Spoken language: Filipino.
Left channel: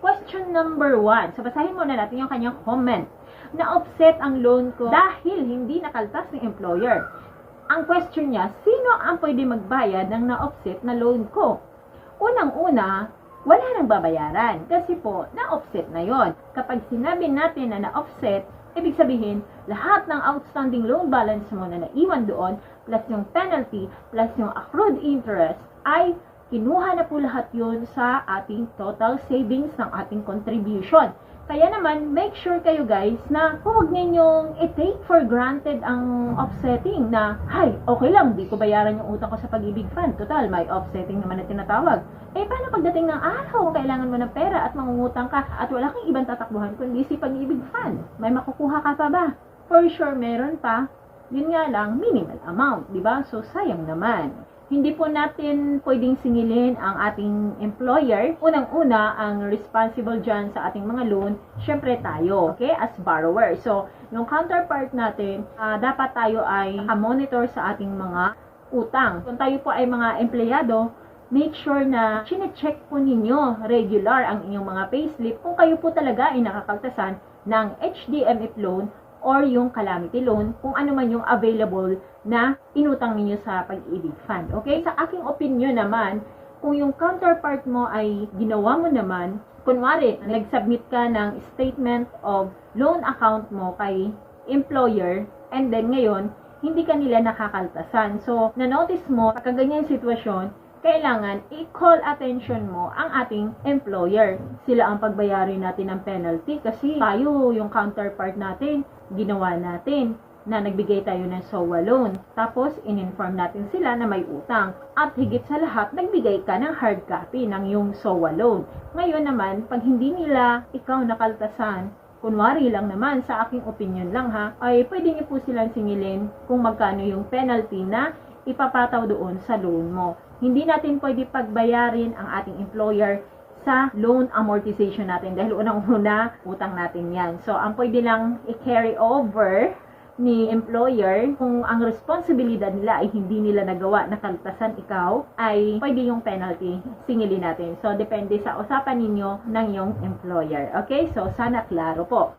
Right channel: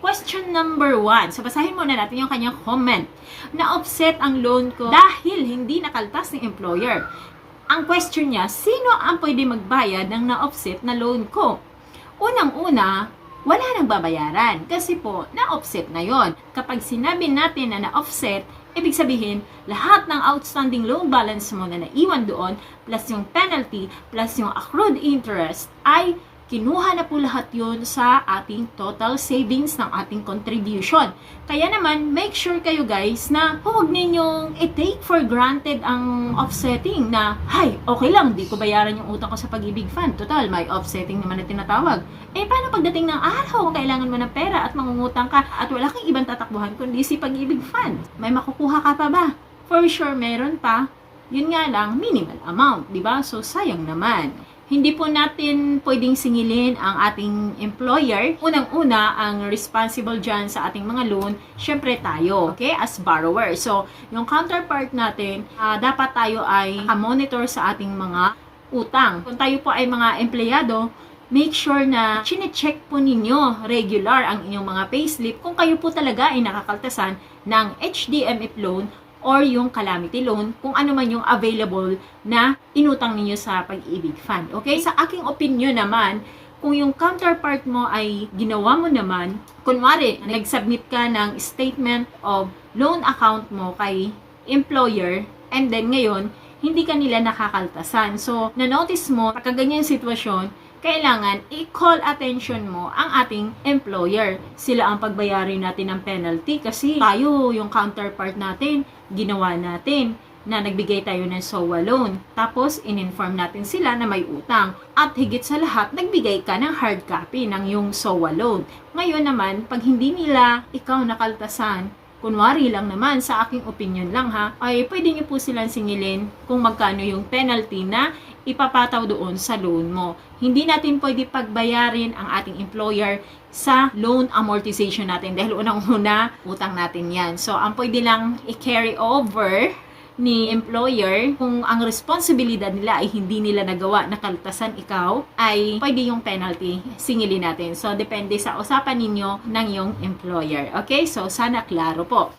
Question number one. So, basahin muna natin yung kanyang comment. Na-offset ang loan ko dahil hindi nakaltas ng employer. Ang question niya, sino ang pwede magbayad ng na-offset na loan ko? Unang-una, wala nang babayaran kasi po, na-offset na yon. Kapag sinabi natin na na-offset, ibig sabihin, lahat ng outstanding loan balance mo na naiwan doon, plus yung penalty, plus yung accrued interest, ay kinuha na po lahat yun sa ating total savings ng ating contribution. Kaya naman, make sure kayo guys na huwag ninyong i-take for granted ang offsetting na, hay, okay lang, di ko bayaran yung utang ko sa pag-ibig fund. Total, may offsetting naman na tinatawag. Eh, paano pagdating ng araw kung kailangan mo ng pera at mangungutang ka at wala kang ibang tatakbuhan kundi si pag-ibig fund? May makukuha ka pa ba? For sure, meron pa. Yun nga lang, minimal amount, di ba? So, sayang naman. Hindi po natin pwedeng singilin ang ating employer. Unang-una, ang responsible dyan sa ating mga loan, syempre tayo, okay, as borrower. So, yung counterpart natin, ah, dapat tayo ay monitor sa ating mga utang. Kung tayo po ay mga empleyado, make sure na chine-check po ninyo regular ang inyong mga payslip kung kayo po talaga ay nakakaltasan ng HDMF loan or yung calamity loan, kung ano man yung available na inutang ninyo sa pag-ibig fund. Okay? Sa aking opinion naman, kung yung counterpart mo ay ginawa mo naman, kunwari, nag-submit ka ng statement of loan account mo kay employer, and then ngayon, hindi ka nila nakakaltasan. So, na-notice mo, pagka ganyan yung sitwasyon, kailangan i-call attention mo ang ating employer. Sila ang pagbayarin natin ng penalty kasi tayo, yung counterpart natin, ginawa natin na nagbigay tayo ng SOA loan. Tapos, in-inform natin sila na may utang. At higit sa lahat, nagbigay ka ng hard copy ng yung SOA loan. Ngayon naman, pag hindi nila ikaw nakaltasan, kunwari lang naman, sa aking opinion lang ha, ay pwede niyo po silang singilin kung magkano yung penalty na ipapataw doon sa loan mo. Hindi natin pwede pagbayarin ang ating employer sa loan amortization natin dahil unang-una, utang natin yan. So, ang pwede lang i-carry over ni employer kung ang responsibilidad nila ay hindi nila nagawa na kaltasan ikaw ay pwede yung penalty singilin natin. So, depende sa usapan ninyo ng yung employer. Okay? So, sana klaro po.